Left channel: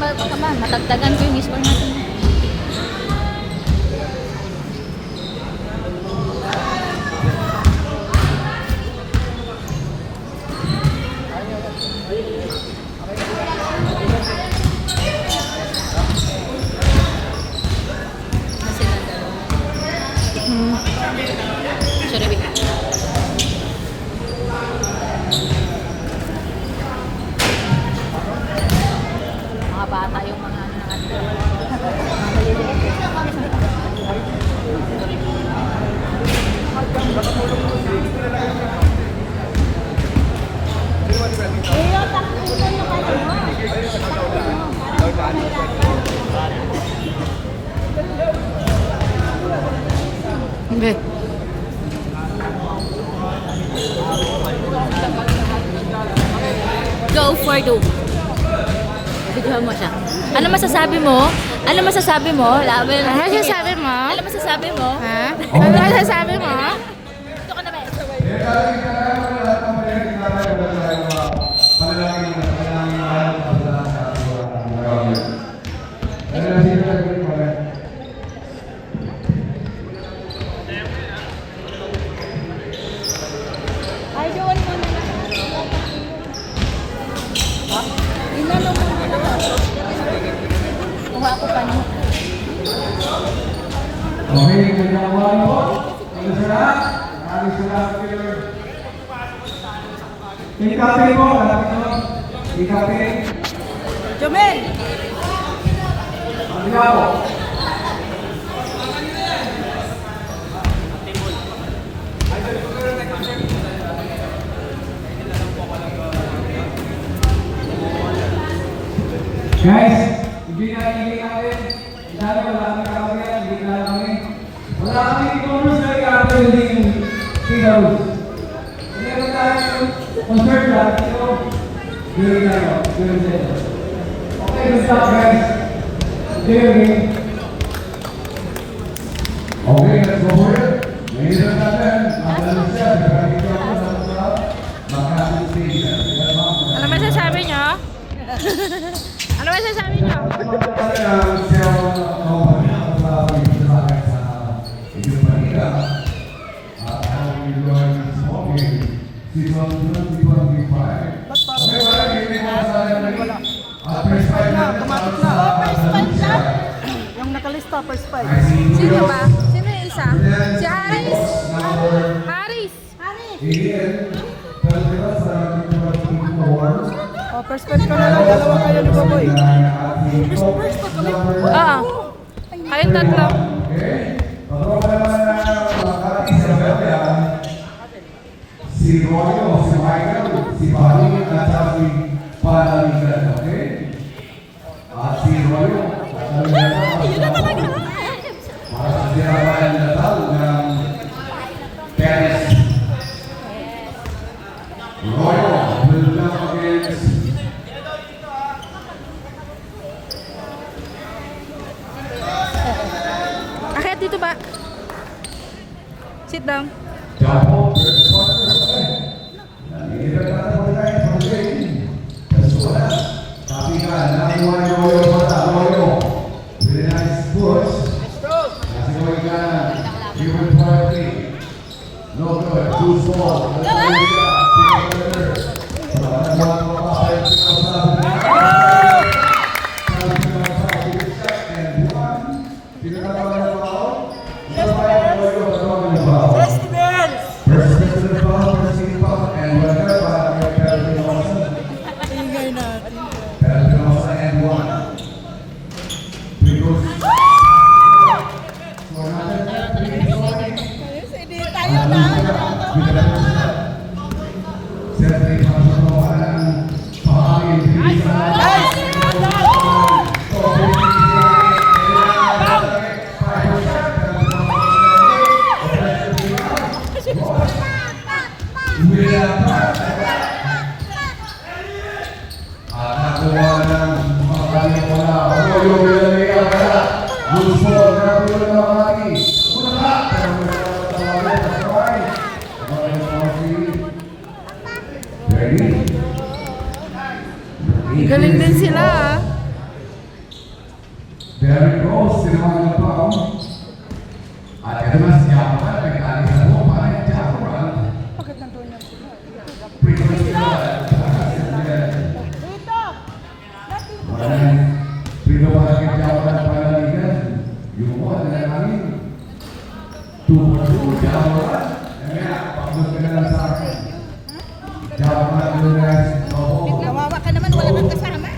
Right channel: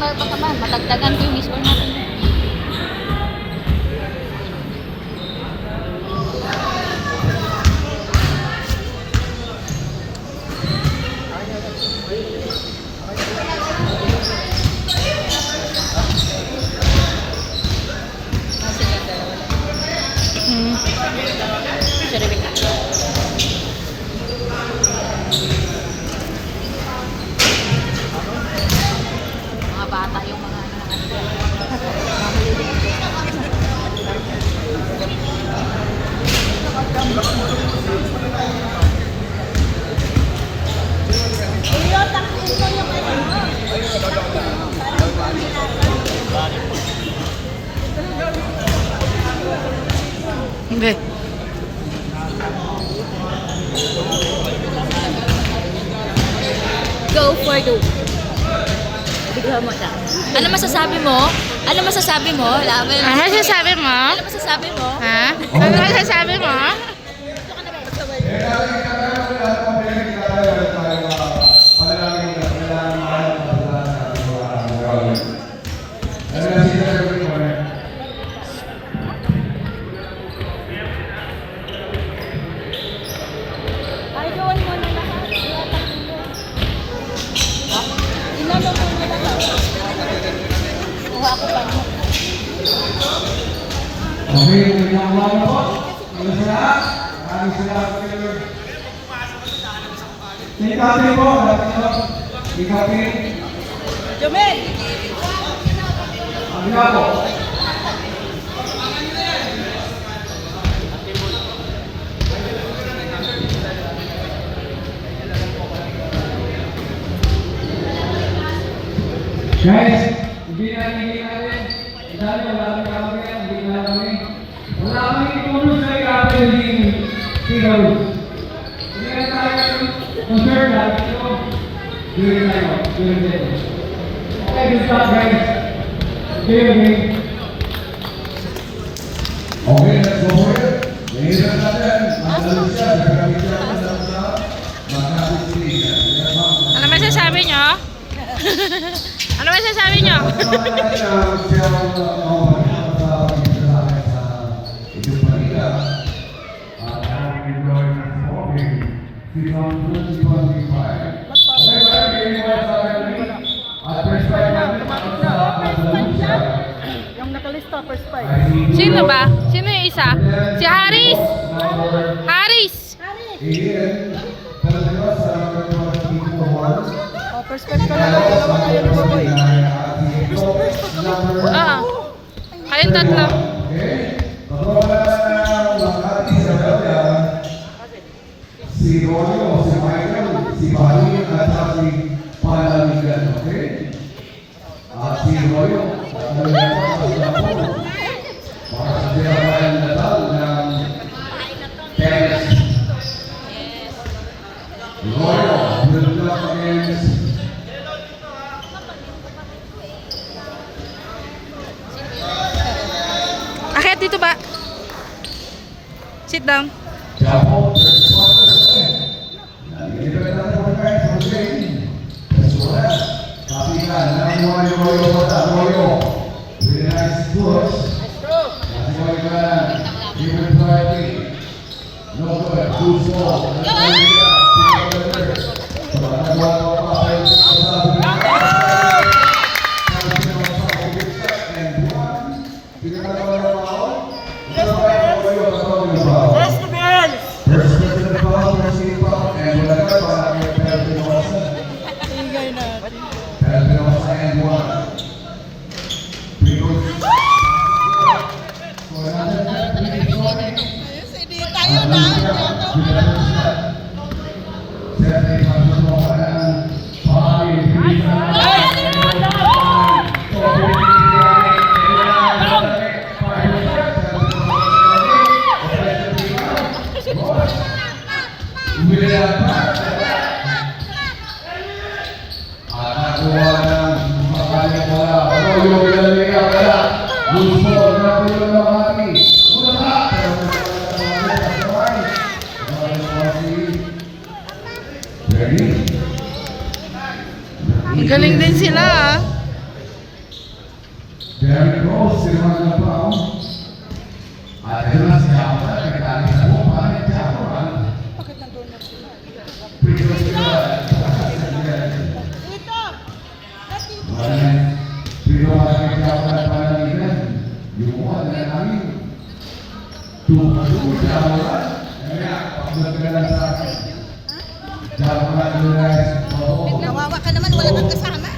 baka matagdagan ko yung score natin. Mga bata yung mga Okay. go for the bigyan mo siya. Ano masasabi mo? Ano masasabi mo? Ano masasabi mo? Ano masasabi mo? Ha? Ano masasabi mo? Ito ka na ba? Okay, magandang po. Ano sila? Maraming salamat kayo. Ikapi po, ikapi. Jomel! Ano po? Guys, hindi na natin. Dahil wala kami kakagyan, hindi na kami. Wala kami ipunus na ikapin yung Figaros. Meron tayo concern natin ito. During tayo, during tayo. Okay, good stop guys. Okay, let's go for it. Ngayon natin, magdalo siya, nagamit siya ako sa makasisi. Ano masasabi nyo? Ano masasabi nyo? Sino ba? Sino yung isa? Si Haris! Haris! Perspect ka na lang, dalawa kayo na baboy. Oo. Kayong tatlo. Si Royo, si Michael, si Bali, at si Panaligan, okay? At si Royo, para sa sinabayan natal ng Paris. Royo will come against Akit dito ba? Sit down. Double. Galing din sila ah. Derek Rose, ginawa ng pao. At ito na siya pa, nagkakalit sa buong pa, at siya po, Kawawa ka naman, wala kang kasama.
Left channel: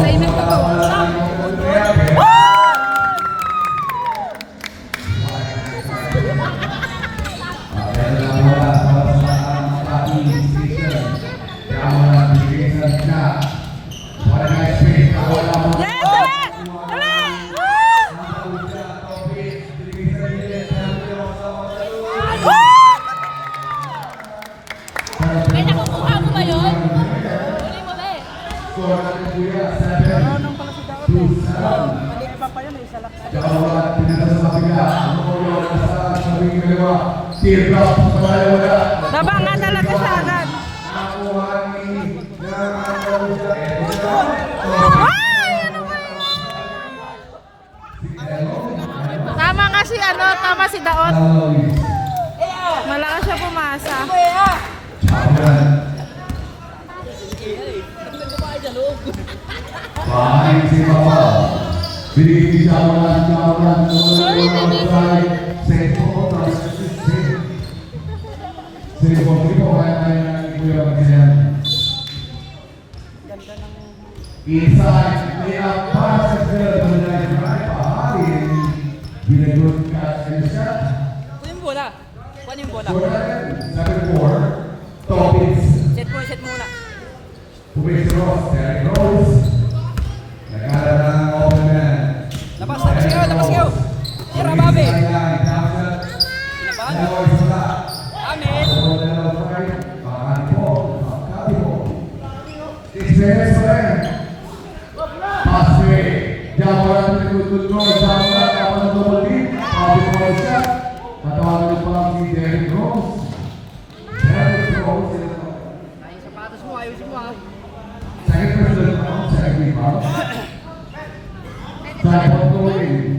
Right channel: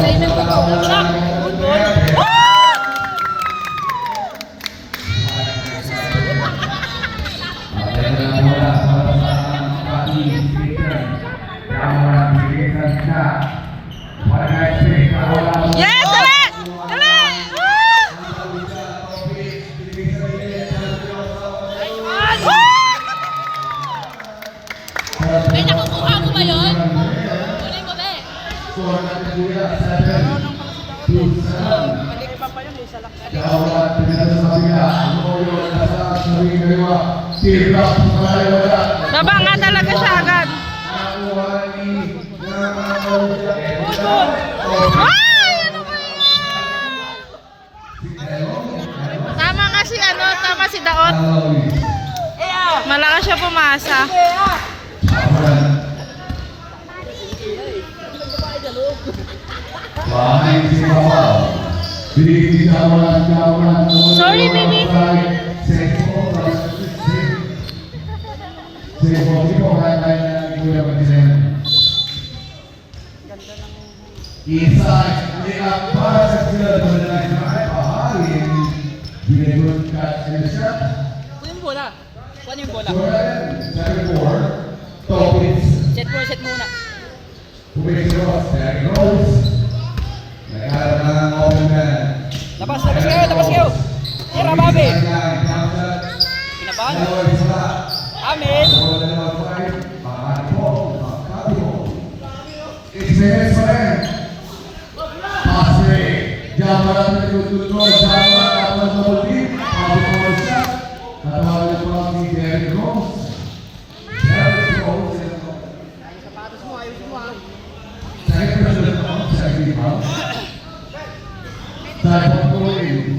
Sa inyo pa po. Yes, dali! Dali! May nakukuha mo ba yun? Kunin mo ba eh. Balik pa yun, isa lang. Baba nga talaga siya agad. Ay! Ano ba yan? Tama nga si ano, tama si Daot. Malakas siya pumasa. Sorry, baby. Isa lihat para sa sila ng mga pahali ginagawa ka sa siya. Yung bola. Kuha yung bola. Second four, topics. Set muna. Pumisiro, Derek Rose. Nagkaroon ng open man. Labas kayo. Tira, Bobby. Pinabahan. Amin. Experience pa rin. Passway. Jawaran ng control. Jawaran ng double grip. Pablo ko siya. Natawag pa si Derek Rose. Derek Rose. Sapatos mo, ayos mo ah. Second person ako. Second people. Second point.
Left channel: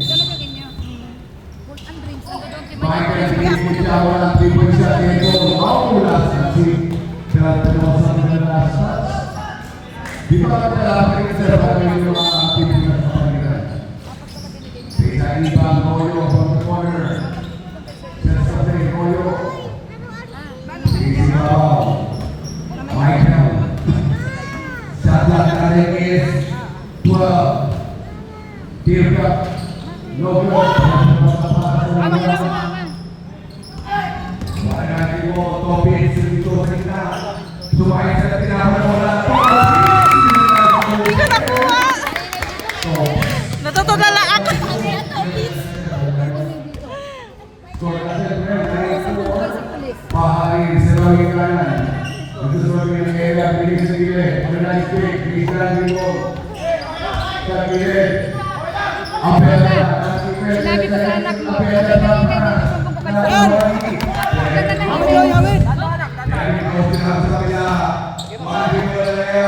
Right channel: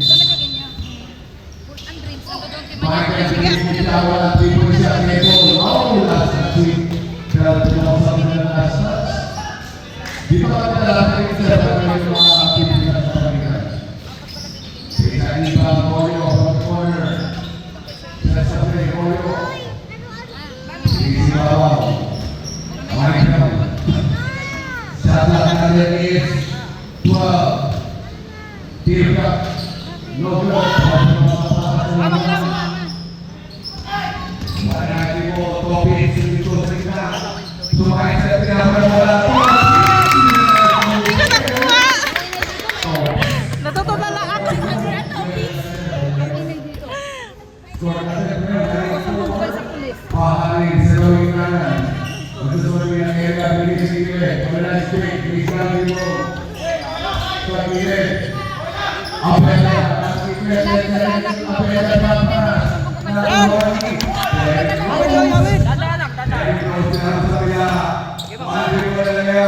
Bakit hindi mo jawaran ng people siya nito? Mawala sa tweet. Dahil pumasok na last touch. Di ba ka lalaki sa bagay yung mga aktivitas sa pagkakas? Sa iba, Moyo, from the corner. Sa play, Moyo. Easy Babaw. Michael. Shot clock natin is 12. Give up. No good. Marami mo, topics, dito sa ina. Sumakay sa pinamawala. Hindi ko nakuha. Natutulala ako. Pahari sa gawing kanan. Magsusunod ng kaya, bilis sa gilid. Organize break, bilis ka lang dito. Sa gilid. Apela. Apela pa para. Nakawali. Amin. Dari ko sinasabi niya. Mahal ko na niya.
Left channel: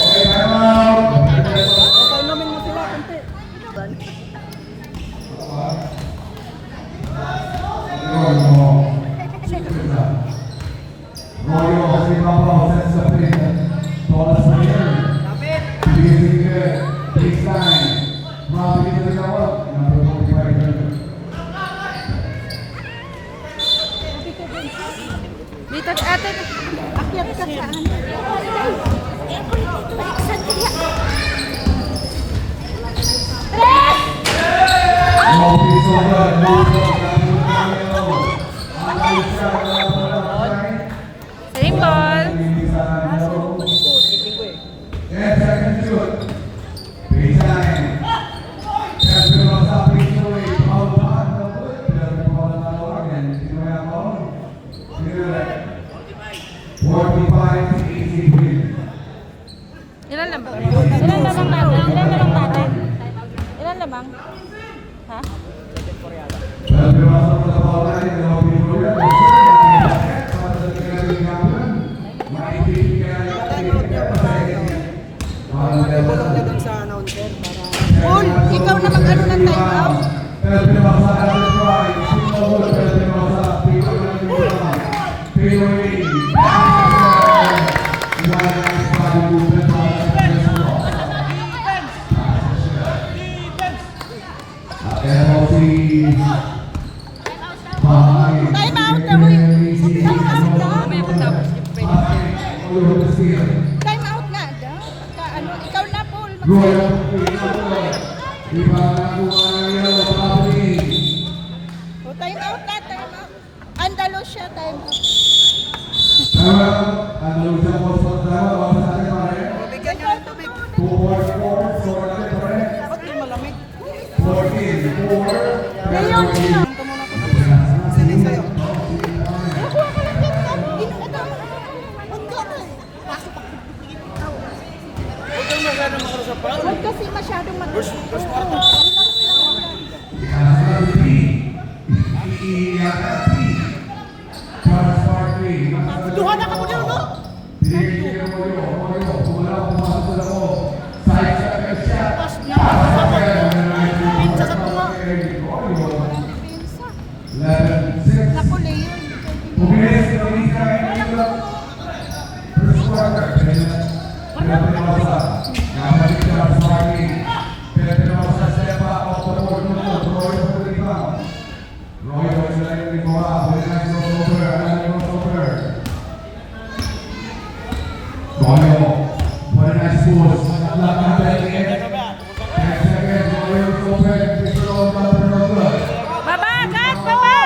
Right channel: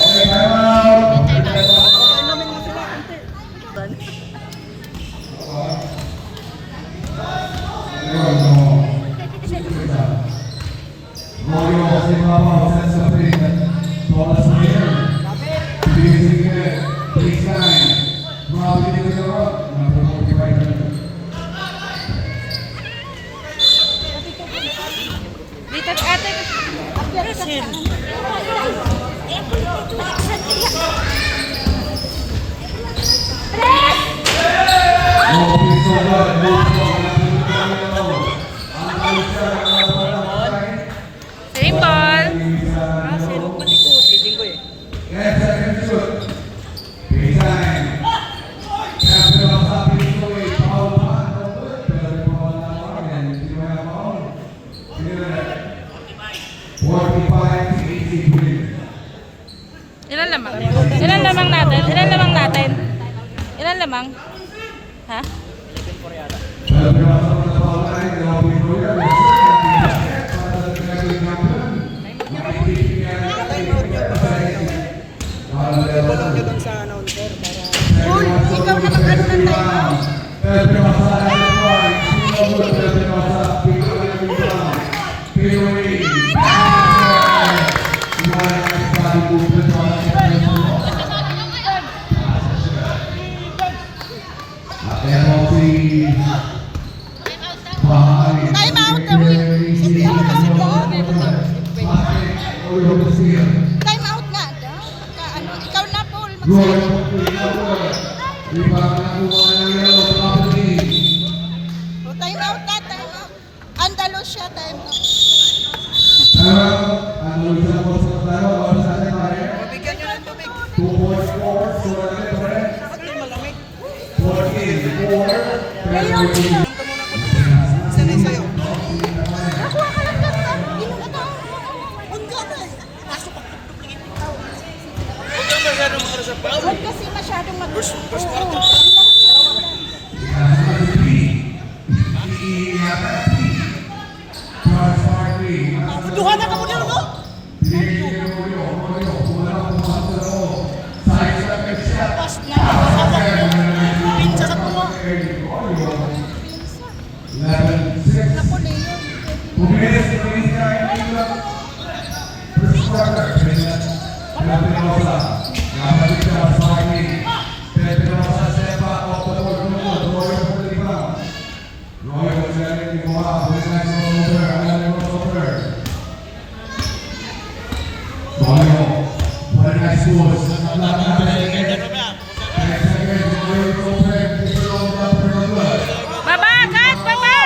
Okay, time out. Okay namin mo sila, konti. Dito, ate. Same ball. Ilan lamang? Ilan lamang natin? Ilan lamang natin? Ilan lamang? Ha? Time out nga, da. Ano, ikaw na, Paul. Oh, time out na, time out. Andalusia, time out. Nakuha ka lang lang, da. Inuha ka. Unga na eh. Huwag kasi masyadong Duha na ka mo dyan, no? Pinsa sa tuwa. Ako, Leo. Baba, kat, baba!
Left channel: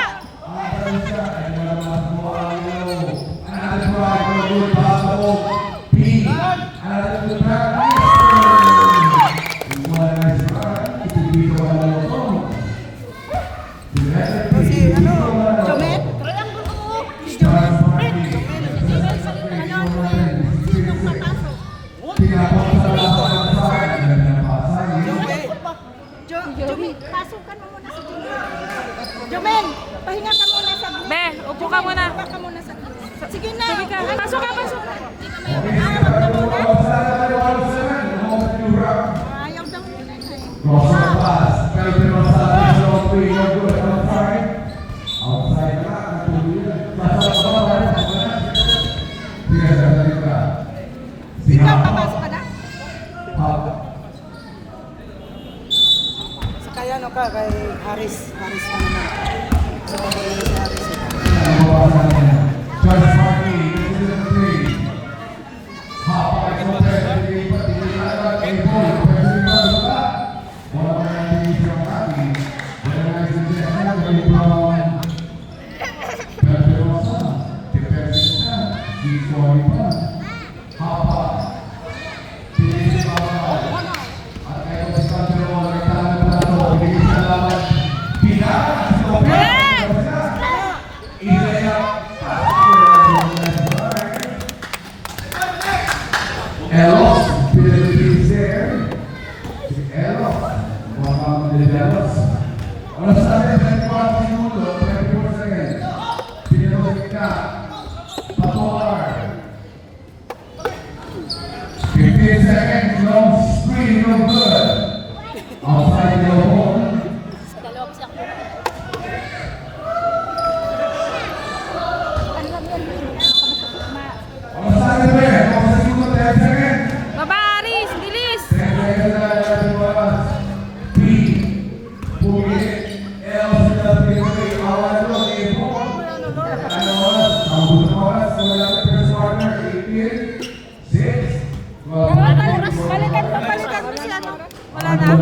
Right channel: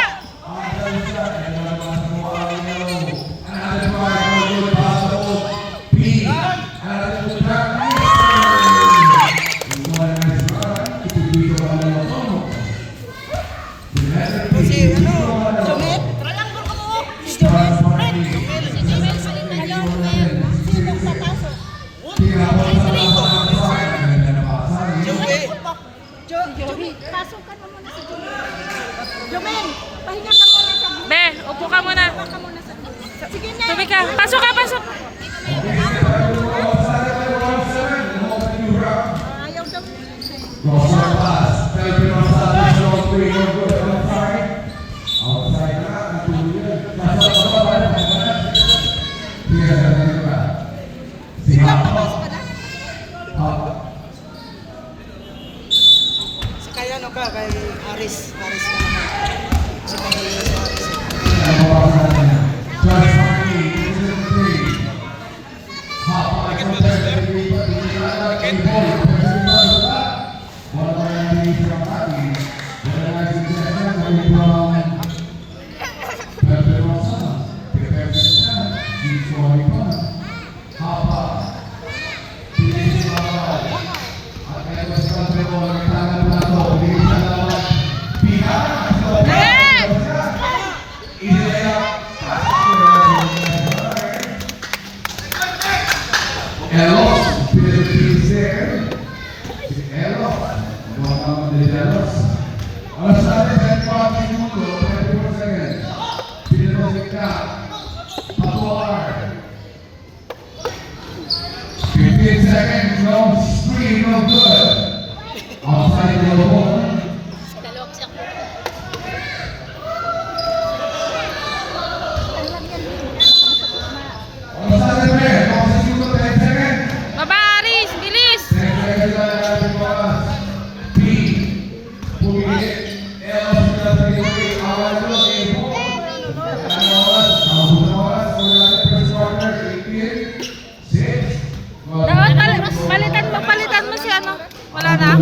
Joey, pasukan mo muna si Joey. Jomel, pahinga ka muna sa Be, upo ka muna. Sige na. Tubi ka. Pasok ka, pasok. Ayaw daw. Pasok ka na. Kaya ano ka, kay Aris na naman. Sa pag-iwi sa Aris. Baba, Aris, bilis! Palitan mo si ano? Wala na?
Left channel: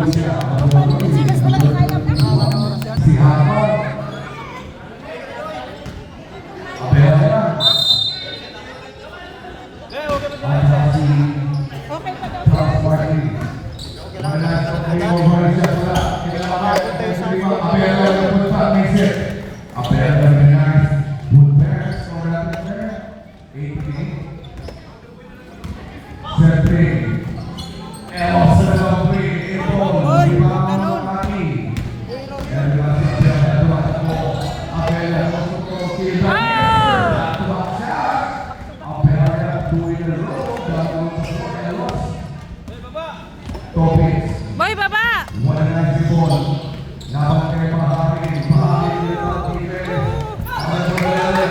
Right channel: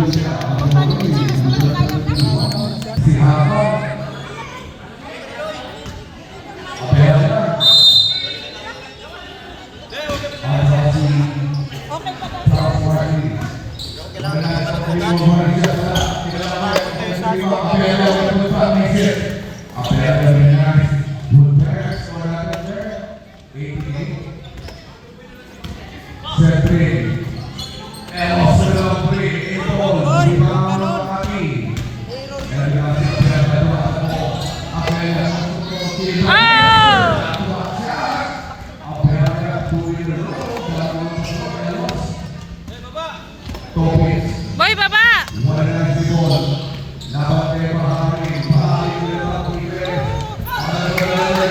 Boy, baba!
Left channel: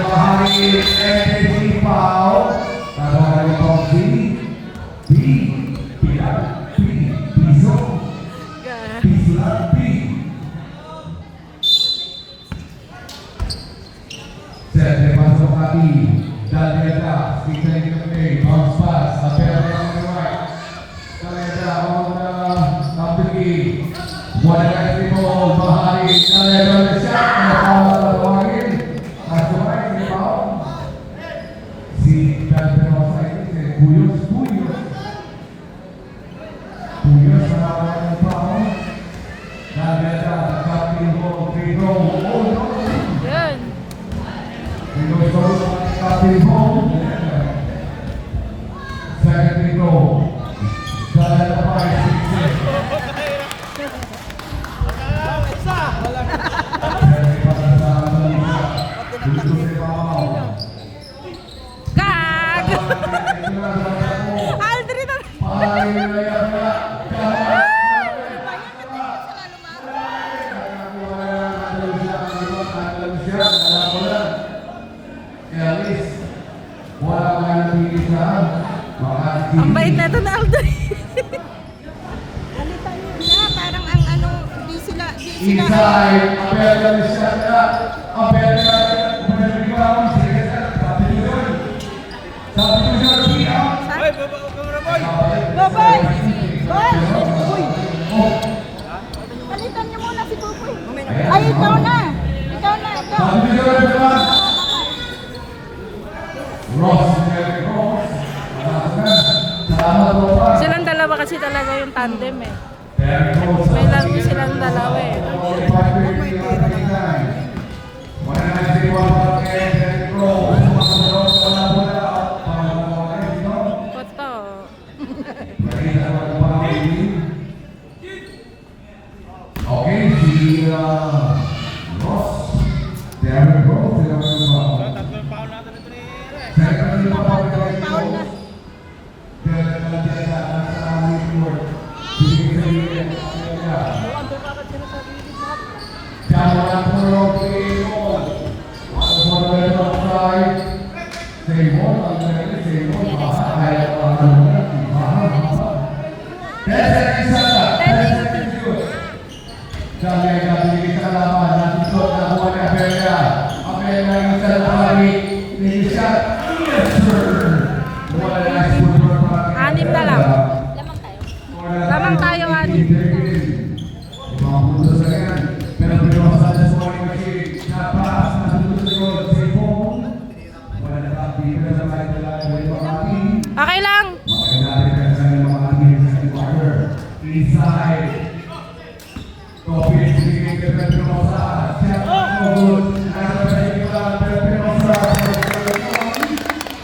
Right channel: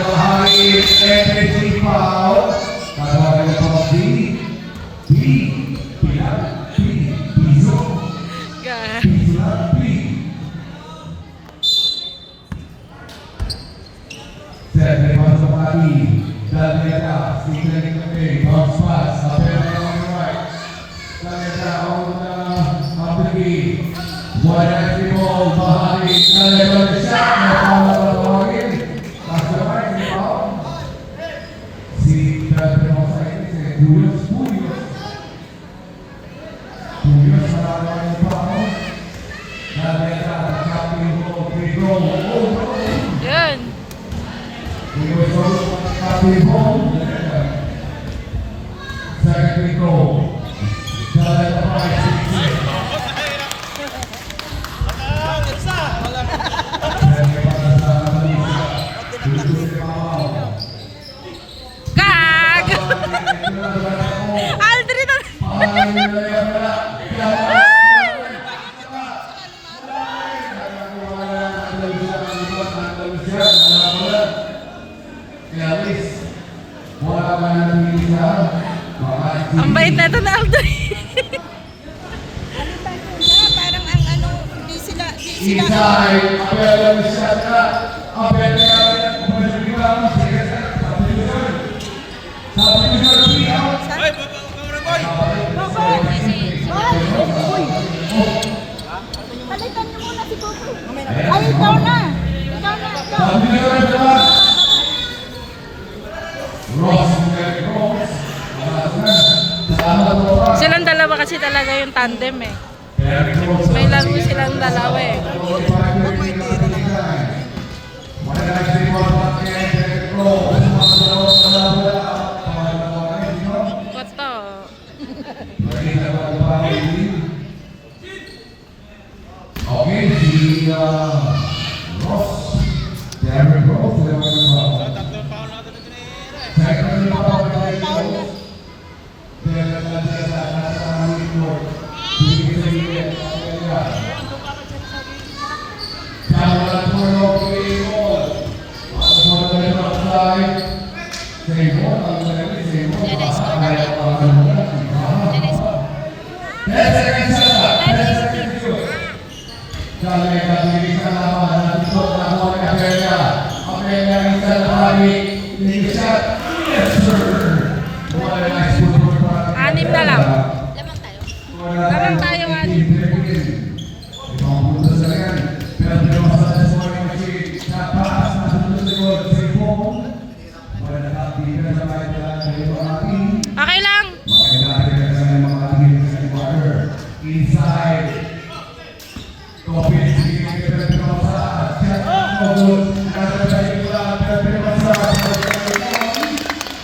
Bahagi Stephen Limpe, bounce pass, apel on the right. Talenta on Mabigi. One entry ball, Bahari, Talenta on the shot, Napala tatawagin. Nasa right, si Paul. Si Talenta on sa ikin, si Puyos. Puyos sa laban ni Paul. Talenta, captain ball, free goal, Yun. Puyos on captain ball. Second free goal. Talenta pa, 6-6. Kag! Aldrin na. Ang bait na ito na Aldrin. Parang ang ano, hindi sila, Inside, apel on the shot clock. Apel on the rebound. Substitution, 3 out. Boboy! Boy! Palitan niyo muna si Boboy. Ay, ikaw na! Ikaw na, ikaw! Substitution, 1. Ross, Silang dalawa kasi talaga yung tandem eh. May laro silang dalawa eh. Koto. Okay, si Ross, Derrick Rose, second foul kay Rose. Derrick Rose nasa midcourt. Bigay sa iya. Camera puro kay Rose. Ako mo na lang outside. Say mo, ang dali, say mo. Ay, Dahil kami sa laban, natutok na buwan na Apela. Apela isa na kami, isa. Yes, sir! Wala na sponsor para. 6 na lang. Lamang tayo, Ani. Ito ang punto sa yan. Pero pinapasada sa mga machine. Napaas na punto sa iyo. Sipong. Wala na kapita sa kahit wala na ito ang ating. Okay lang. Makakilala ka sa mga ating sa water. Inside. Topin, sige, pero pinapasa. Siya ang good. Nasa sa iba, pero pinapasa.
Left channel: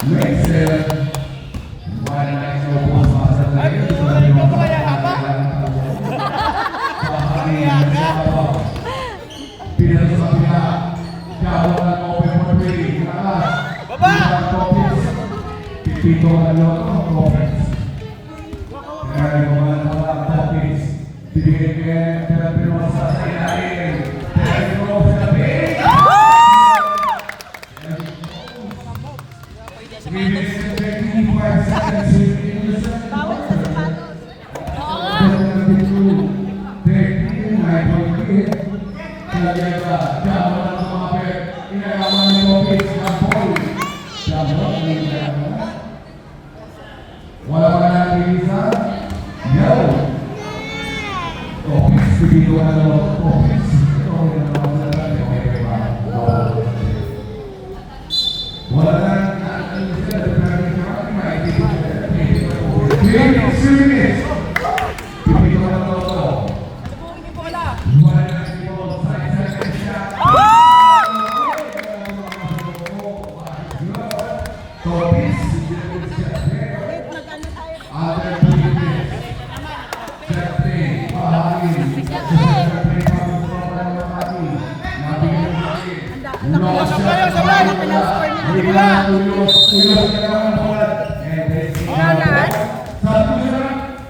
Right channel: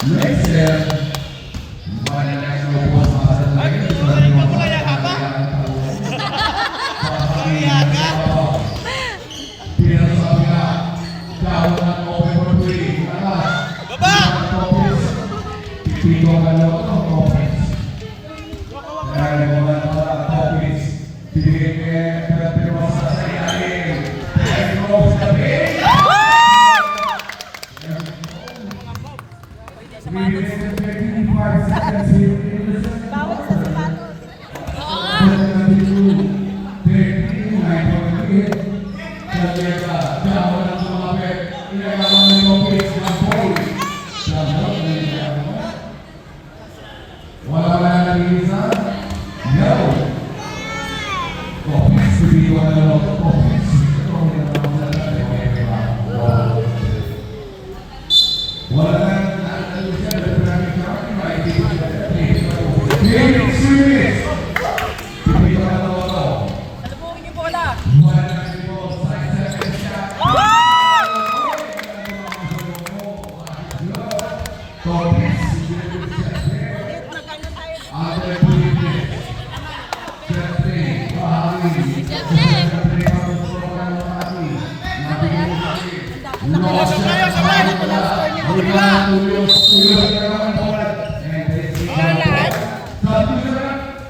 Makes it. Wala na ito po sa masa na ito.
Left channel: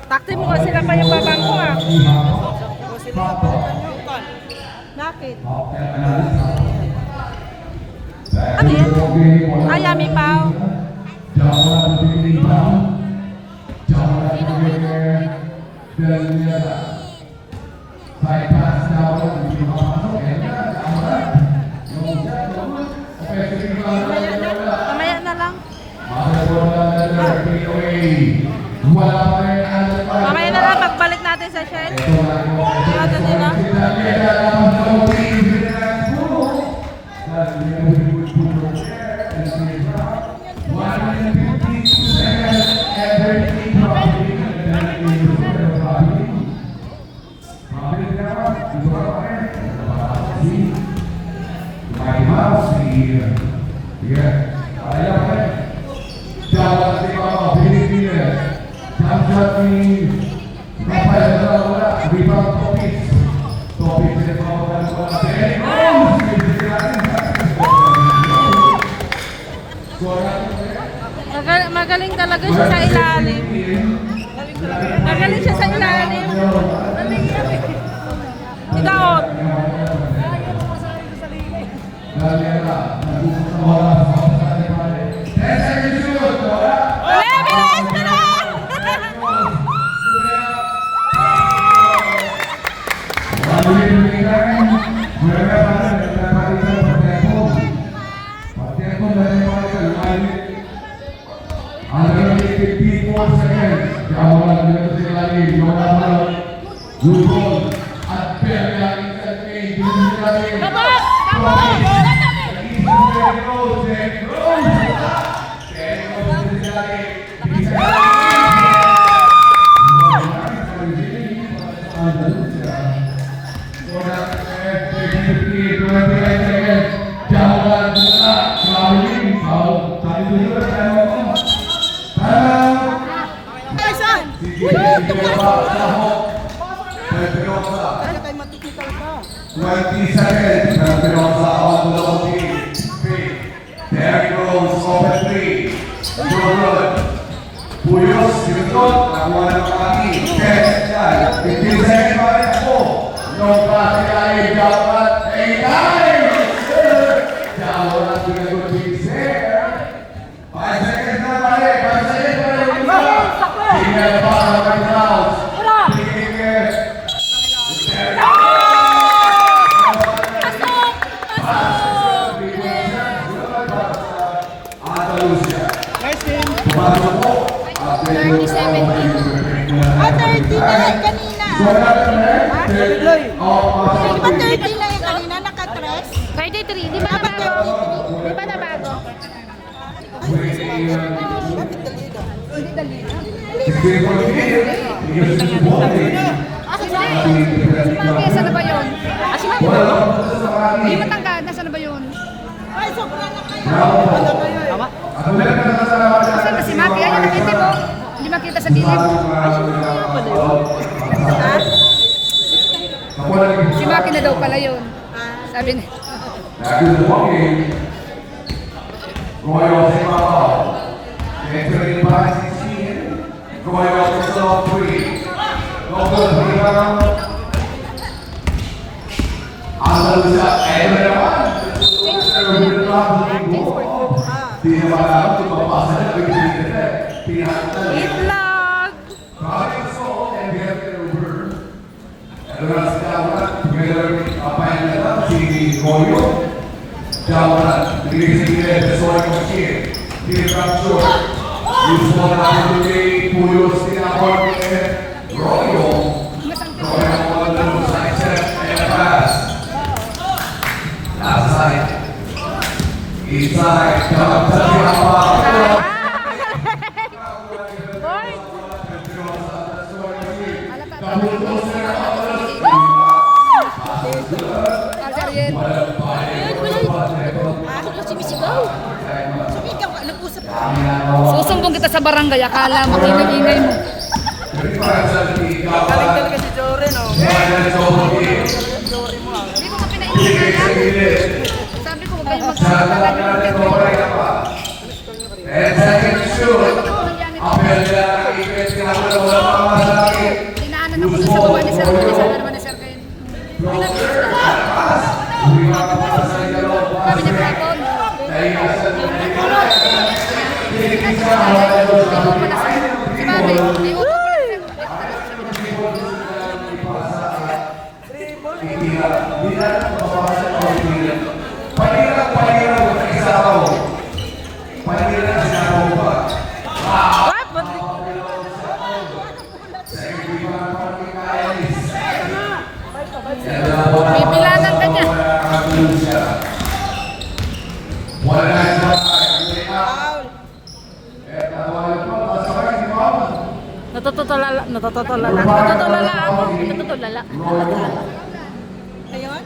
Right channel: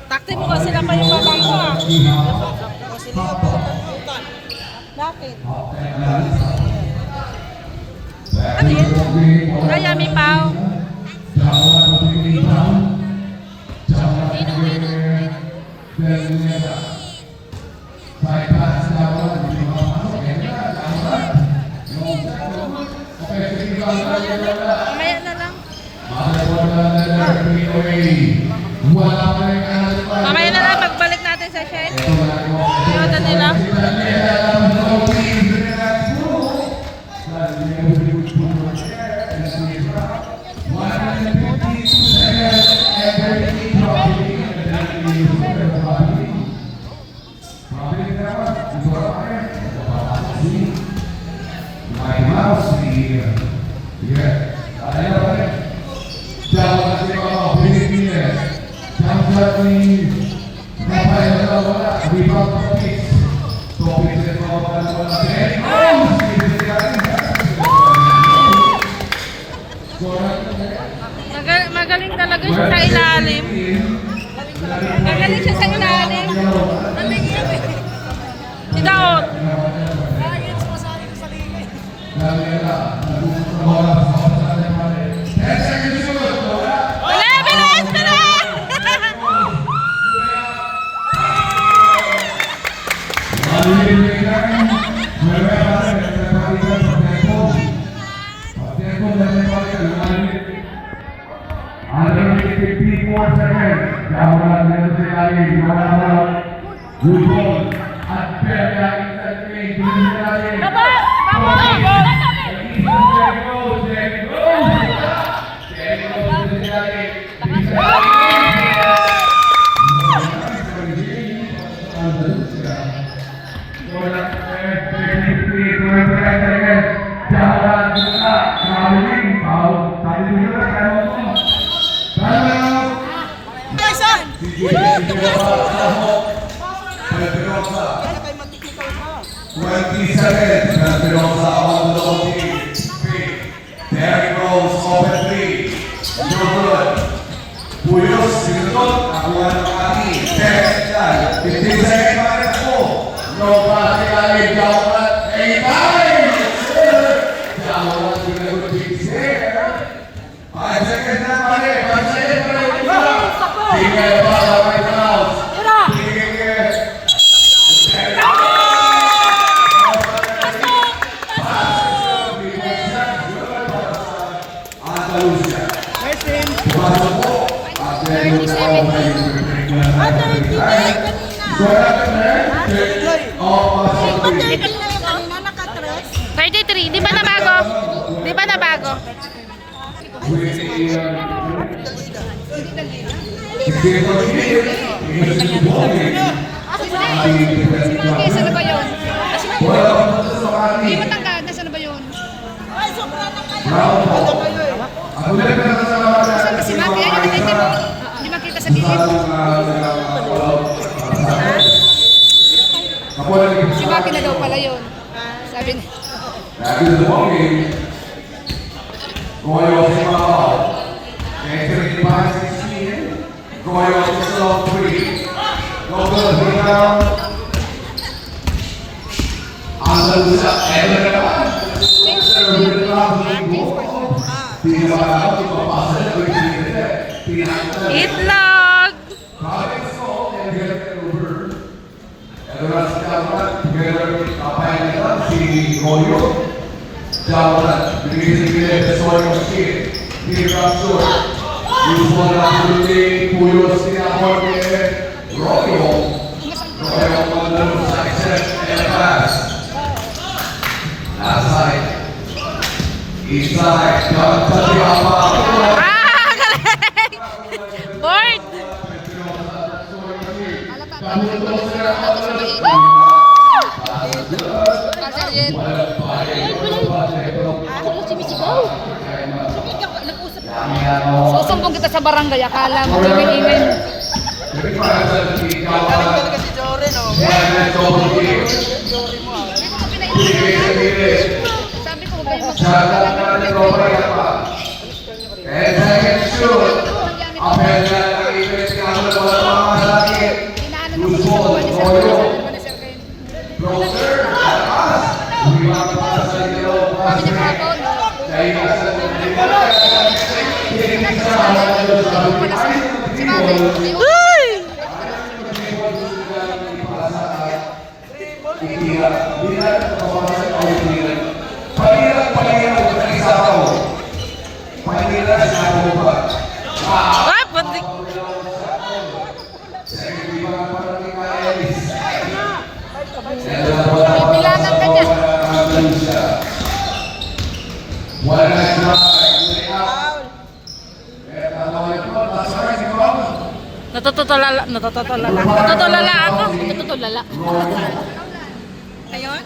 Takti mo kasi sila pa yung babangko ah. Bakit? Ano yan? Ay, Yummy Pao. Mamaya na lang. Wala pa rin ang Mamaya na lang, pagbalik natin sa shed. Tingnan nila. Magaling talaga siya sa ilalim. Magaling siya sa ilalim. Si Daot. Dali, bilis, bilis! Puyos, sinunod, nakuha ng kami. 15 seconds pa rin ako. No pase ay Jawat. Jawat, ginagot 5 seconds na pare. 5 seconds pa rin. Tingnan pa ako kay Klaus. Tingnan. Andalusia. Pumasok po. Ate, hindi ba yan kanina? Di ba 30 lang yan kanina? Naka-tres? 33. Di ba nabago? Di ba nabago? Saan na ba yun? Hindi matangkad. Nasaan na ba yun? Ay, sobra na kayo. Si Maki, ay nakatiti mo. Hindi makita sa gilid. Si Maki na daw pala yun. Sabi niya. Itlog! Inside, dapat sabi apa? Ah! Galing! Board! Susumbong kita sa barangay, akala mo ingin-ingin. Sabi ko, inaanan ako sa gawa ni Sir Kay. Sana naman ni Sir Kay. Sabi niya kahapon. Si Mami, Uy! Natutulala ako. Natutulala. Ayun?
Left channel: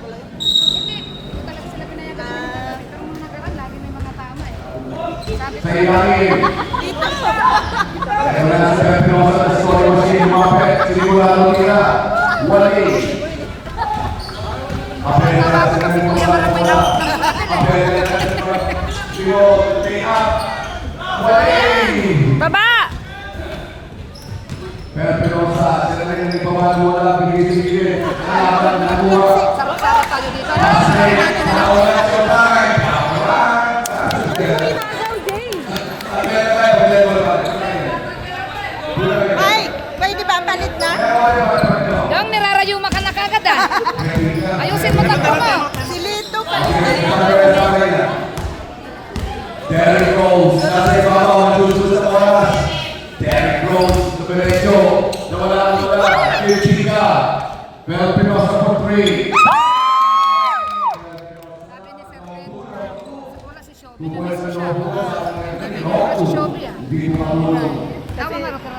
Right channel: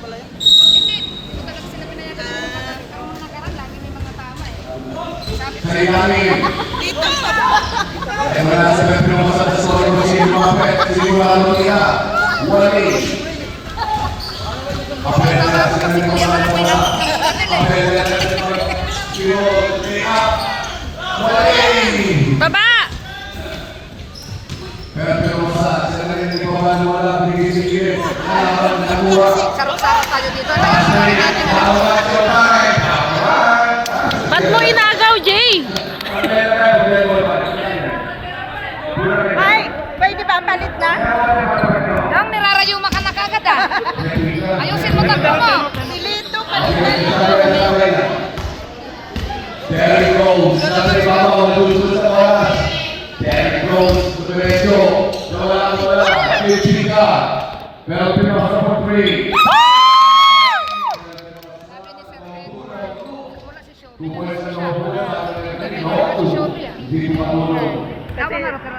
Sa ilalim. Ayaw na sa Pinosa sa Solo si Mapet, sigurado nila. Wali. Apel na sa kanyang mga mga. Apel na sa kanyang mga Wali. Baba! Pero Pinosa, sila na yung ipawala wala pinigil-sigil. Alaman na buwa. Sarap-sarap tayo dito. Nawala siya tayo. Ba't mo inagaw, Jay? Ay, pwede ba palit na? Dong, nirarayuma ka na kagad ah. Ayusin mo takbo mo. Si Lito Derrick Rose, nasa ibaba ko nasusunod sa oras. Derrick Rose, tuturecho. Wala. Pilipinika. Pero Pinosa for 3.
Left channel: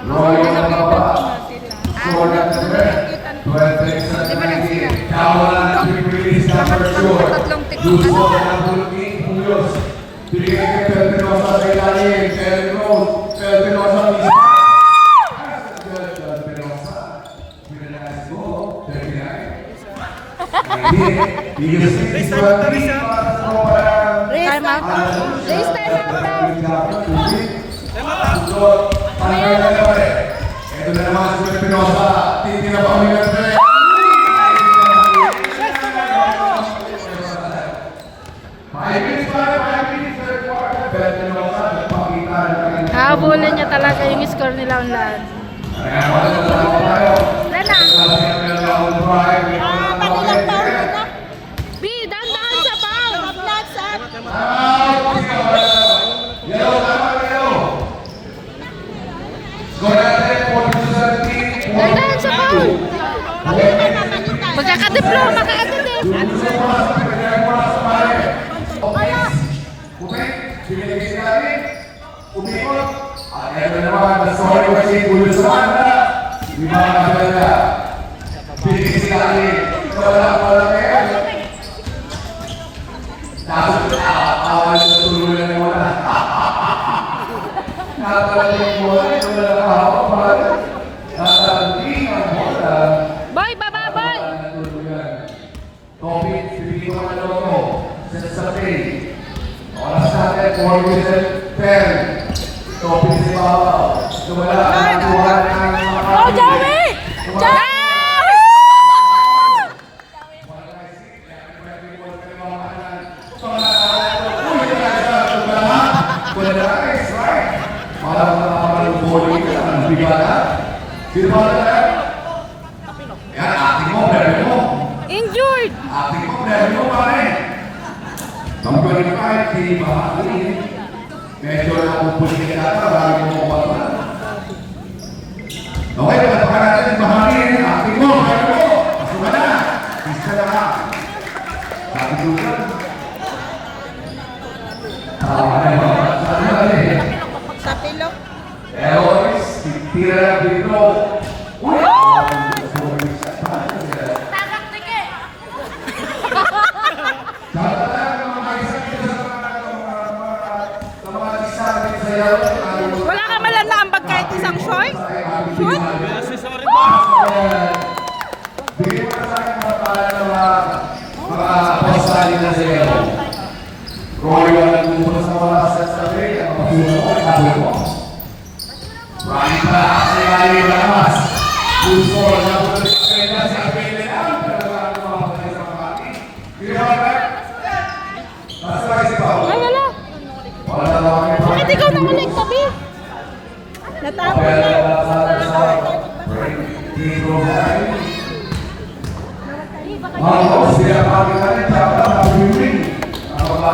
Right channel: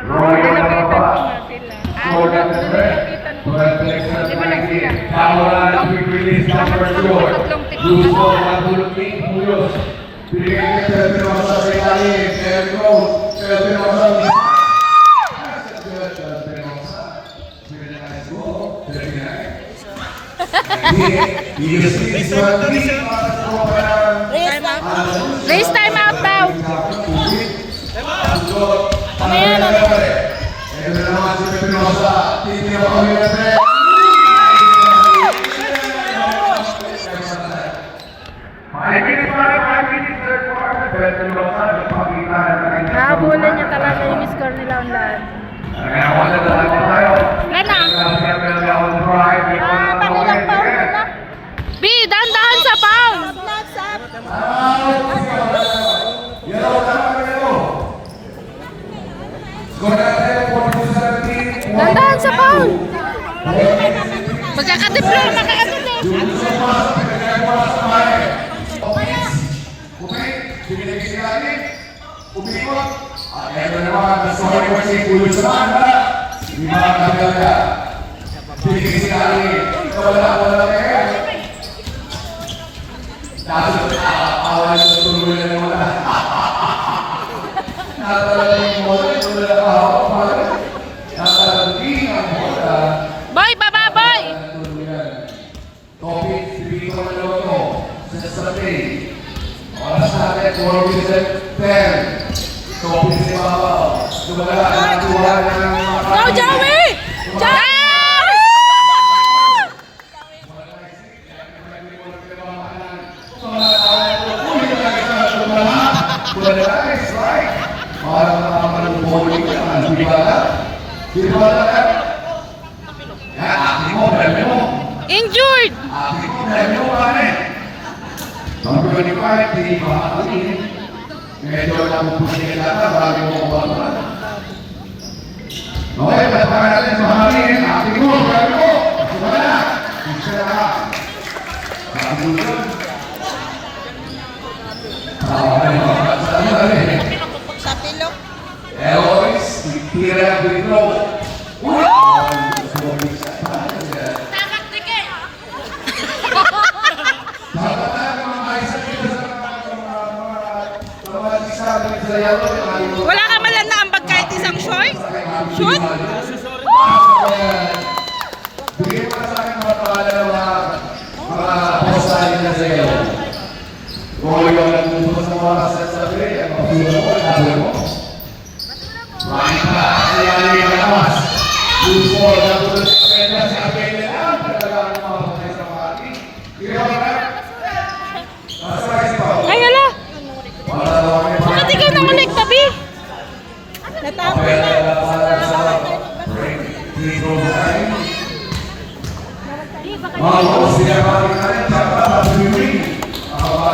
Roy ang nababa. Short at the red. Perfect sa 19. Kawalan at release number short. Gusto ng bulking Puyos. Bigay kay Pinosa sa ilalim. Derrick Rose. Pinosa. Pinosa. Pinosa. Go. 39. Yes, Time out. Race time out daw. Ito na naman si Pinosa. Titignan pa kami ng tre. Five minutes. Pero Pinosa, nagpakita na kanyang... Habulin niya talaga yung score nila online. Wala na tayo. Rena! B, dahan-dahan sa pound! Dahan-dahan sa pound! Magkakadiploma ka ka din eh! Umikot. At ito naman, sorry ko si Ulo sa banda. Hindi makakagala. Pinigil si Kali. Wala kayo. Dapat awan sa tuloy na naman. Nakatala yung mula. Wala na kahawa. Nakatali ang mula. Boy, baba boy! Kopi, pipili ko na lang mo. Sa sabi. Oras natin, 4 minutes and 10. Kopi si Papa. Wala na nakuha ng mga... Go, Joey! Joey! Injured! Medyo napupusin ka na bago mo kumapala. Okay, patapakan natin mahalin. Ating mo, kaya mo. Masuma na. Isa na ka. Kapitulan. sa pilo. Elois, tira dito. Uy! Wala ka malam na ambag kahit isang short? Shoot? Bigyan mo sa akin mga pangalan ng mga postahin na zero. Kung ayaw na dito sa mga kasasabi, ang patuloy mo, nabuhay mo. Right back sa ilalim ng amas. Gusto na puto sa kanya si Abel ang talagang mga patay sa mga ating. Bigyan mo ka? Masakay si Pao. Ay, hala! Bakit ikaw nang ulit tabi? Natapon na.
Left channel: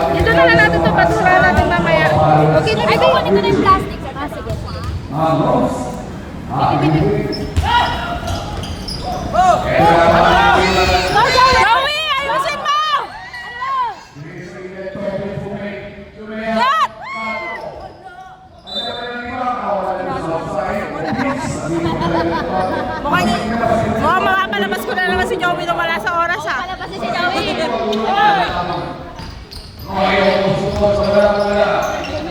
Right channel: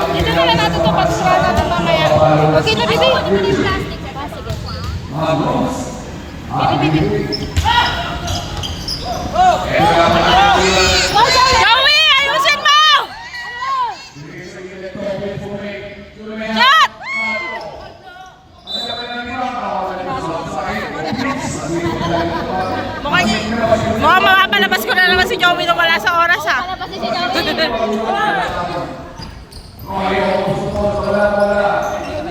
Dito na lang natin ito, patura natin mamaya. Okay na, bibi? Ito na yung plastic. Sige. Joey, ayusin mo! Shot! Mukhang mapapalabas ko na naman si Joey nung wala sa oras ha.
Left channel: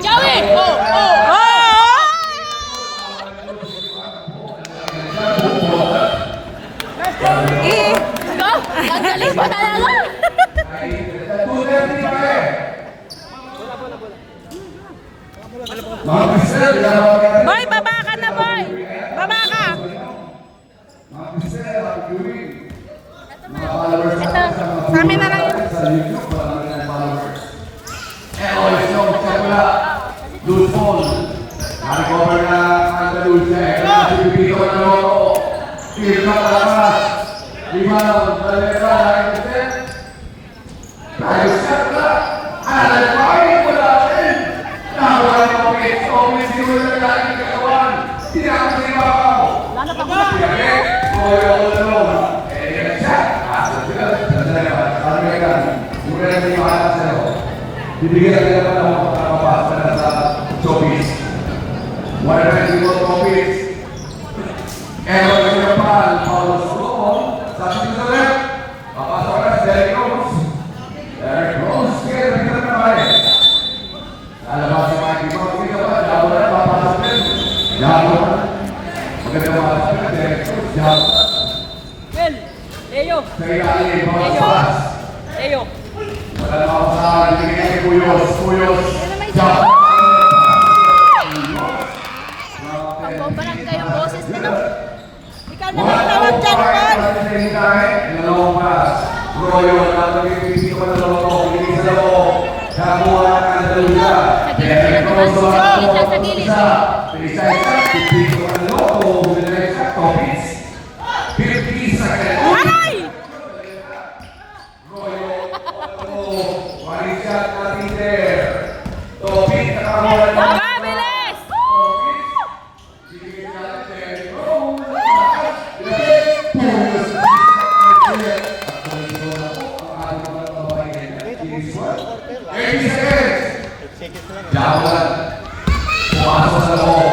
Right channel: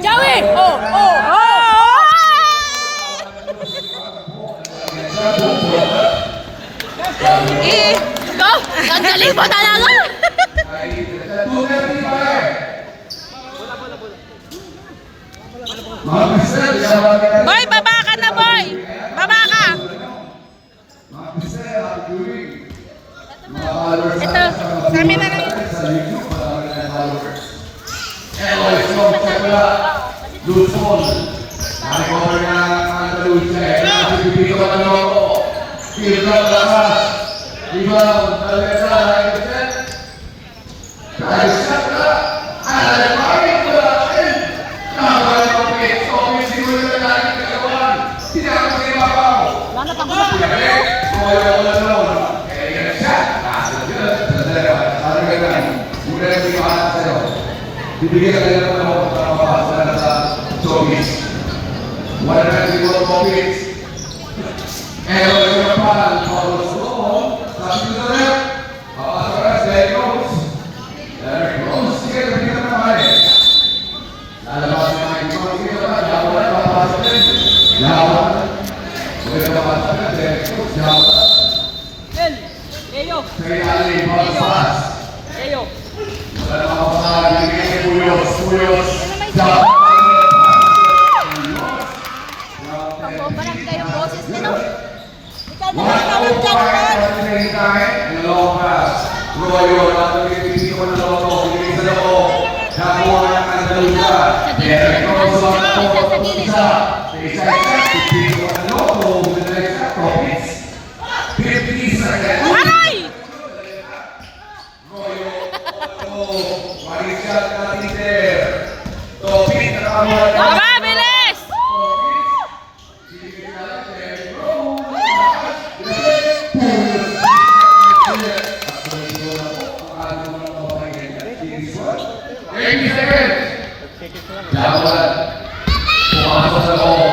Joey! Oh! Oh! Oh! Ang galing mo talaga! Boy, baba ka na, boy! Baba ka! Ito, sa amin na lang. Bibigyan ka naman ako ng mapasa na sa showbiz. Wala na hindi ko showbiz. Pero yung kapal, Paulo Solomon, sa Switzerland, papasok ka na si Derek Rose. Derek Rose, sige, nabigyan na naman eh. Lalabas sa mga ibang dito pa, dapat na papasok din. Dapat. Maganda papasok na Derek Rose, dapat. Well, Eyo. Kaya alay, papasok. Eyo. Wala na papasok, binigyan ni Puyos, Puyos. Dapat. Barang kayo ng boses nito. Ikaw na What? lang tawag dyan, Juan. Long pass. Royo, napag-ibigin ko na naman po. Ibigin sa loob. Nakuha ng Andalusia. Derek Rose sa mga po. Isa. Isa-isa. Ibigin ko na loob. Isa-isa. Topits. 50 seconds. Aray! Royo. Marisha Clatiter. Topits. Nakamuha na. Baba, bilis! Jawan. Pumasok sa loob.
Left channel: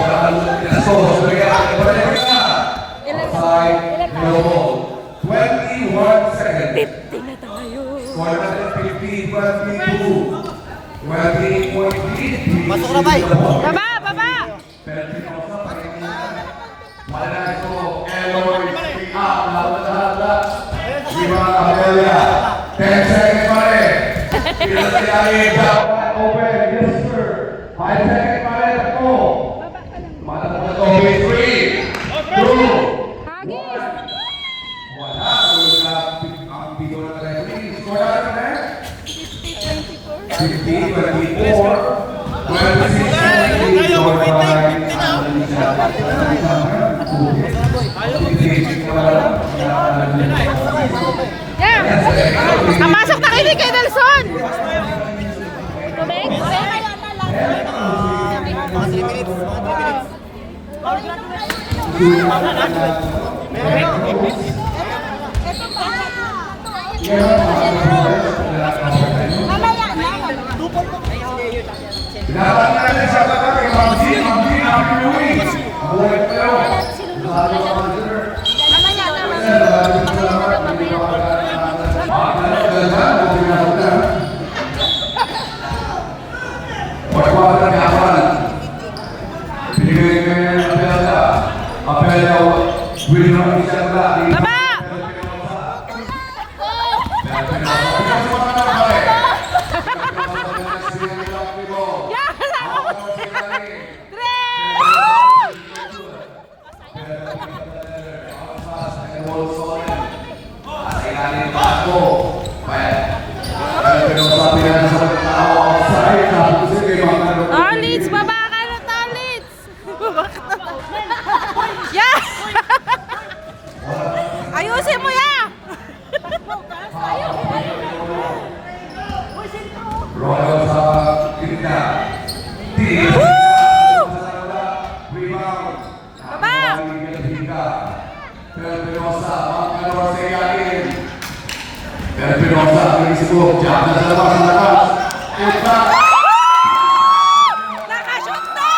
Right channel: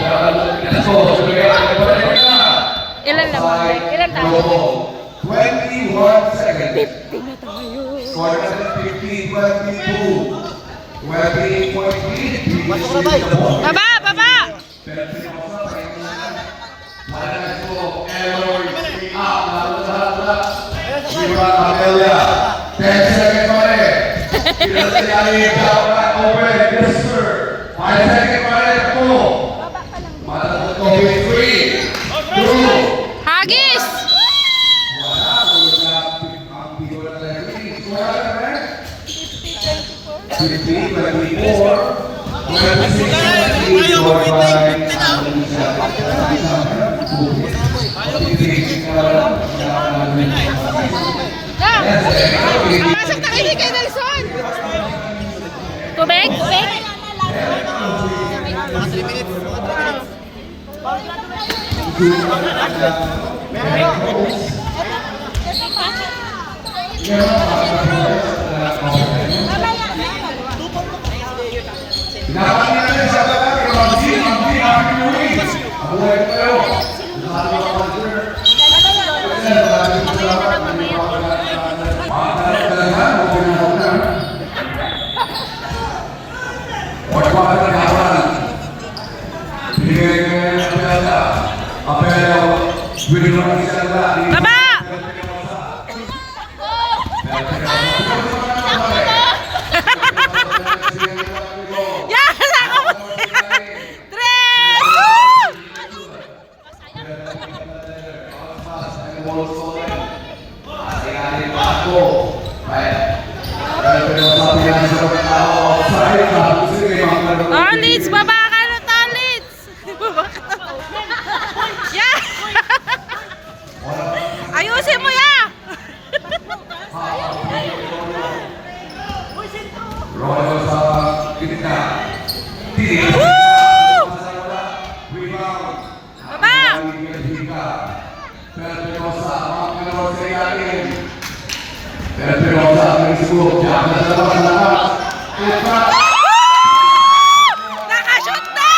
Pinasok. Ilan lang? Ilan tayo? Global. 21 seconds. 50 na tayo. Score natin 50, 22. 20.3. Pasok na, bay. Baba, baba! Pero pinakosap pa rin naman. Wala na ito. Eloy. Lahat. Viva Amelia. 10 seconds pa rin. Pinasayali. Jawan. Open. Mister. 5 seconds pa rin. Ako. Matakot ko. 3. 2. Hagis! Yeah! Kamasok na kayo kay Nelson! Tubig? Tubig? Baba! Yes! Ako mo! Tres! Tolits! Baba ka na, Tolits! Baba ka na. Yeah! Ayusin mo ya! Royo sa gitna. Woo! Rebound. Baba! Penosa, Penosa sa ilalim. Penosa, ang isibok. Diyan na sa labas ng lakas. Impact. Nakashoot na!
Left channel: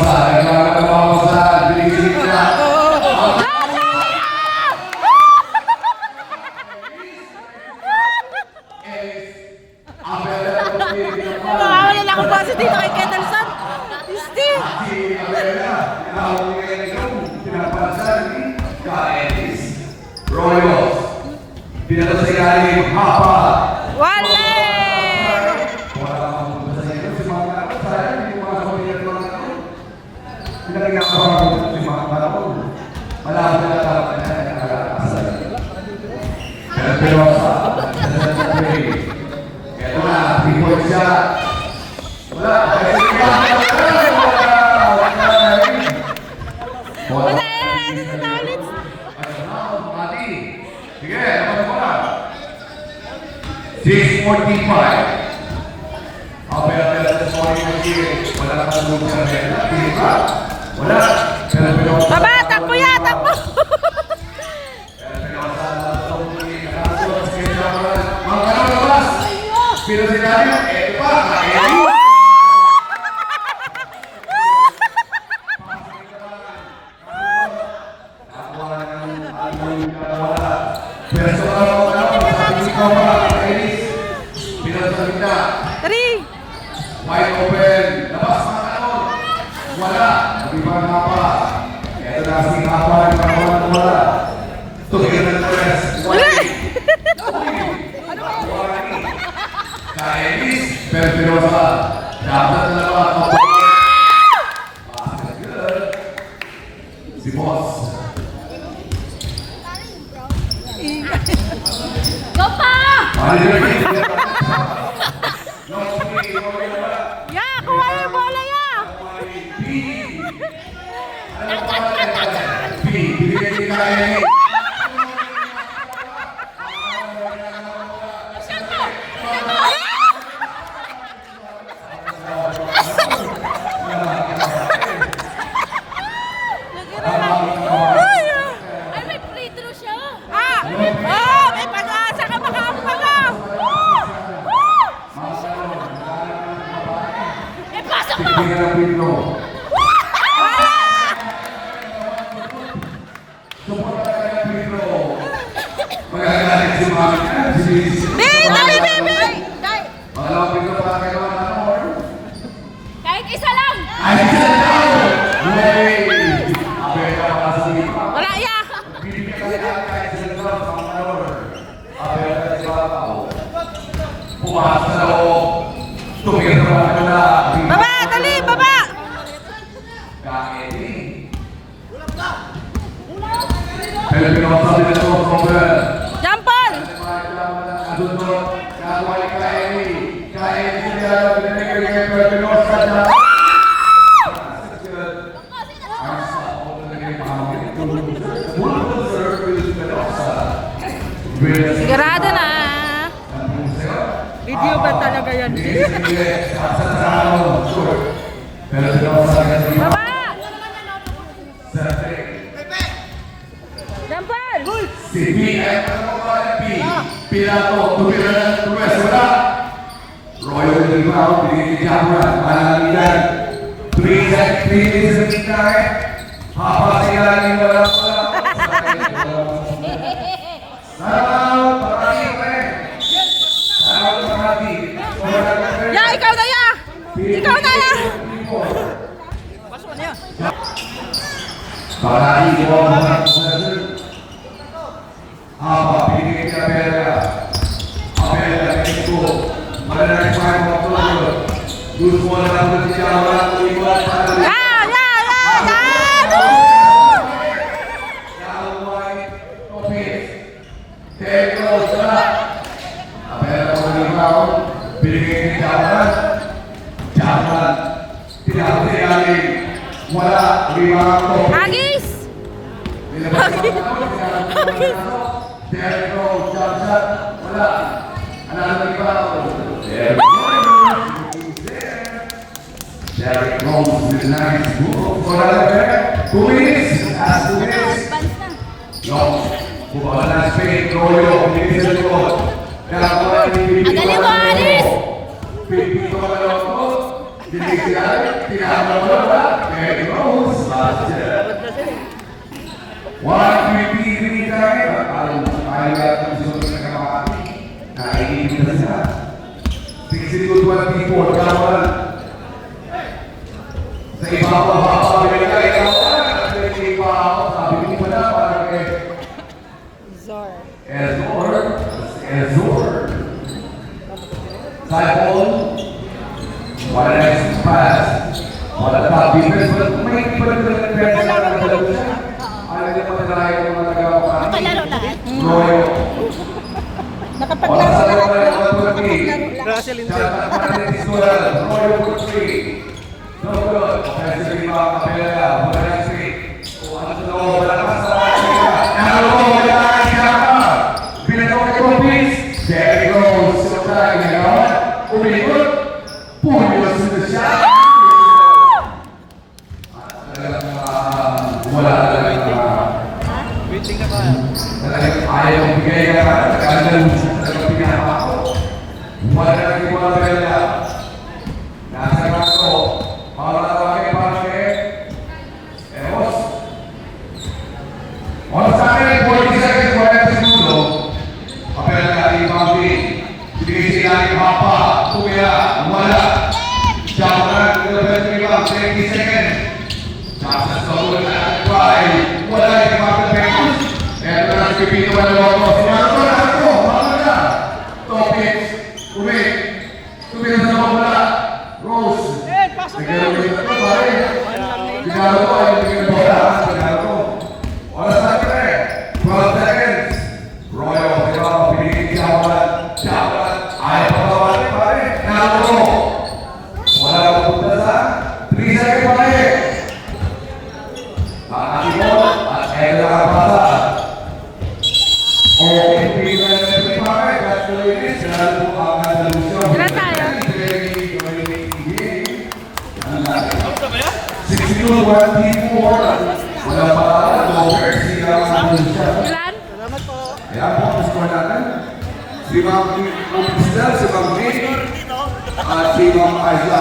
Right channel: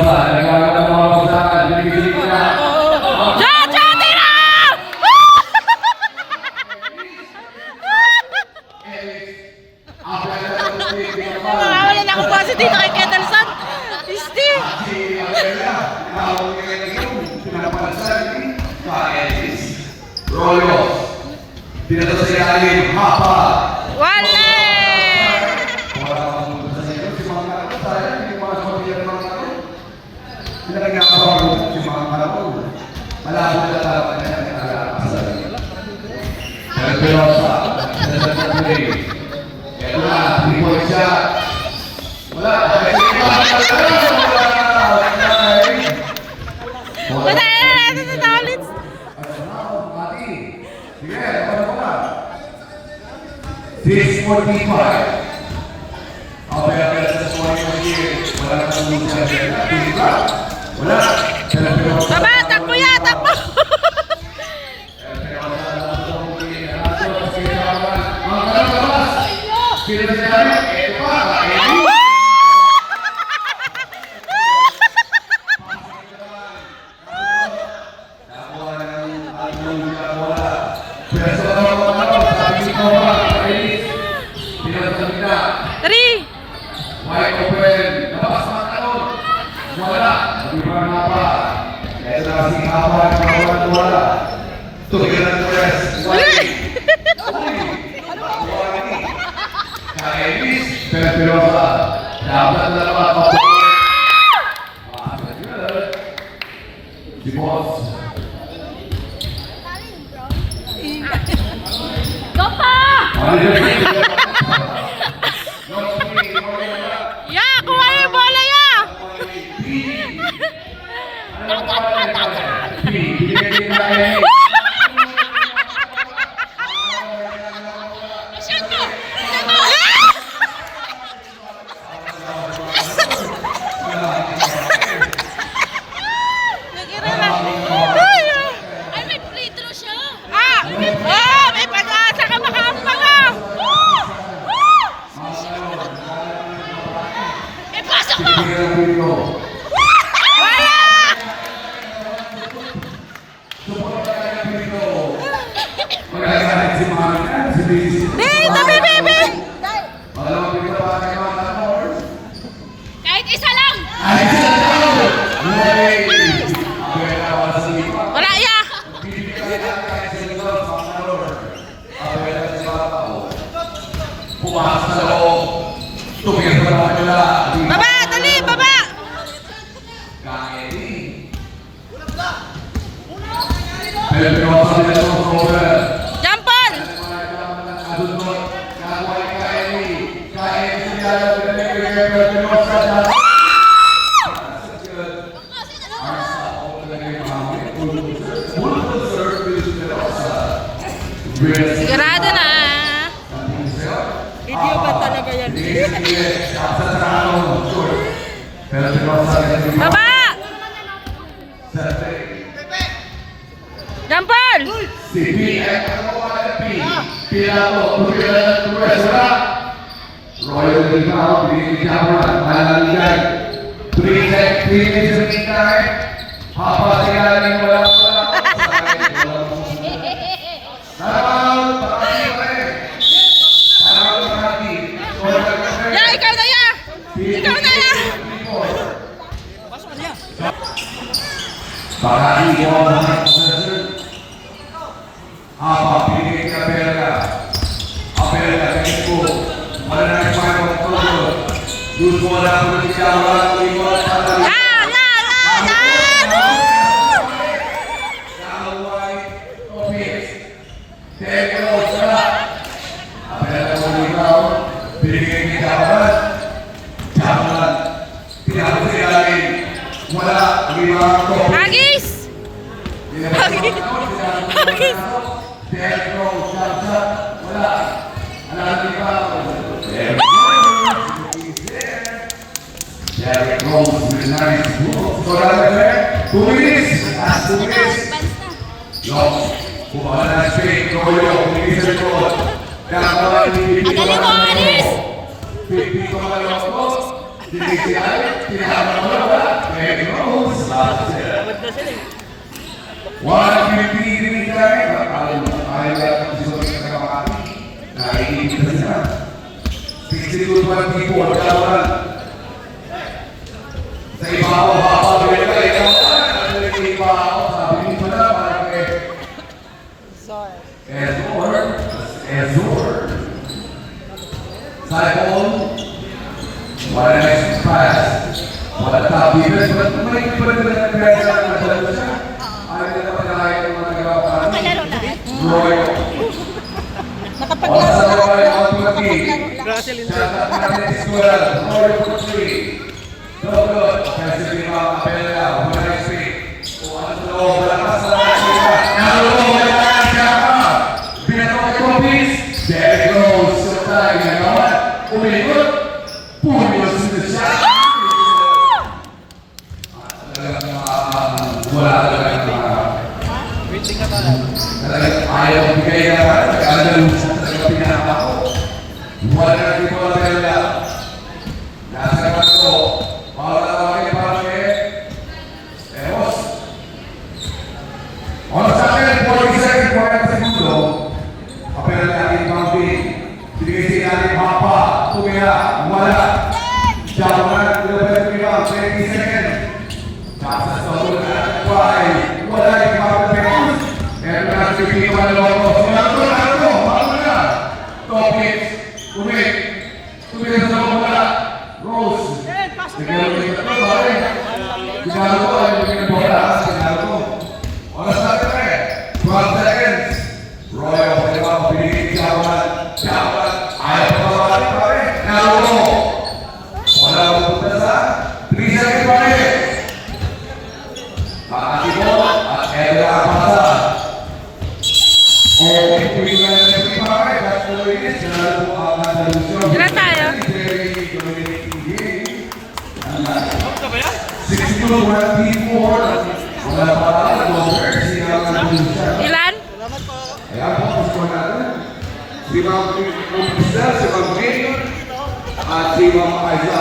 Pinosa, nagkakatawa ko sa division na. Jojo, tira! Nakawala na ako positive kay Ketelson. Isti! Royals, pinatasilalim, hapa. Wala! Patayin na natin sa tawalits. Sige, dapat mo na. 6:45. Apela-apela sa suway mo sige. Wala na kang lupa sa kanya. Wala. Baba, takbo ya, takbo! Mga kanong labas. Pinasinabi, eto pa, kainin. Three! Wide open, labas mga kanon. Wala, hindi pa nga pa. Ito na si Hapa, di pa nga wala. Tugin ng tres. Kainis, pero sa dapat na labas ako. Si Boss. Ya, kuha yung bola ya! Nag-ira na. Ay, may free throw siya. ah! Oh, may pag-asa ka makapaga! Ipasok mo! Wala! Magagalit si Mami. Hey, dali, baby! Kahit isa lang! Wala ya! Pumasok sa loob. Tumira na kanila. Baba, dali, baba! Pero masal na ito, Robert. Jampol! Sigurado na! Video ba talaga yan? Baba! Jampol! Si P, Pilato, tuwes, wala. Royal del Pao, pinigikawan, malaligan. 3 minutes na tingkain. Hapa sila ng wala. Salamat, Ya, ikaw na ya! Ikaw na ya! Bakari ko ang mga kusasun. Apa, pinigay ka pera. Apela, pinigay ko. Malalaki pa kayo magtulog. Gusto mo na ako nagkawan, iwan pa na. Kawai, topis. Teko, sarap. Apela ko ikaw, pinigay kawan. Jaman, pinakasilalim. Wala, iwan ko. Hagis! Hagis! Hagis! Pedro, Jamsat, wala. Alam ba? Derek Rose with a nice move for Alabama. 2 minutes. Last 2 minutes. Long. Bumahan na Spain. Royo. Bilis ang goal. Ang galing mo, Aris! Pipi ko na lang ako. Zor. Cycle. What a nice pass. What a top defense, but may pwede na nag-press na nagdalo siya. Ayaw na pagkakaya ng mga nagawa pa. Palaro lahat. Royo. Nakapaglaro lahat, no? Nakapaglaro lahat. Russell in Royo for 3. No good. Offensive rebound, Capella. What a nice pick. Wala ka sa kanya. Wala ka sa kanya. Binagawa kay Lopez. There he goes. Sometimes, you know what? Umilikot. Punyos na siya. Wala talagang ayaw bigay na talagang pinaka ako. Wala na di mo talaga. Nasa kaso, wala tayo parang Eros. Wala sa akin, 40 seconds, 40 segundo. Kapila na aking pampi. Binigay sila aking papa. Tumira, wala. Diyan na, 20 seconds. Nasa sa na, wala yung mga pagpapos. Kaya na nagbibigay ko ng loko. Sinarap ko, paano na? Topics, umik. Tumigil sa loob na. Rose. Sige, umik na ito, pare. Sinaro ko, ayaw tumigil na bola. Sinaro ko. Wala sa akin eh. 12 seconds. Royo, ito ang pinigil Jawalan. Jawalan. Ayaw pa bawal, pare. Naluro. Wala ko punta sa 3 seconds, pare. Makakito at kaya na pasa. Okay, tuwing na natin pare, that's the way it is. Sinalo po ang Andalusia. Ilan tayo? 62-24. Wala pa pala, over. Siya ang Andalusia. Ilan? Ayan po, gusto natin. Si Ma'am Cristel, si Ma'am Ray, at si Ma'am Aiza.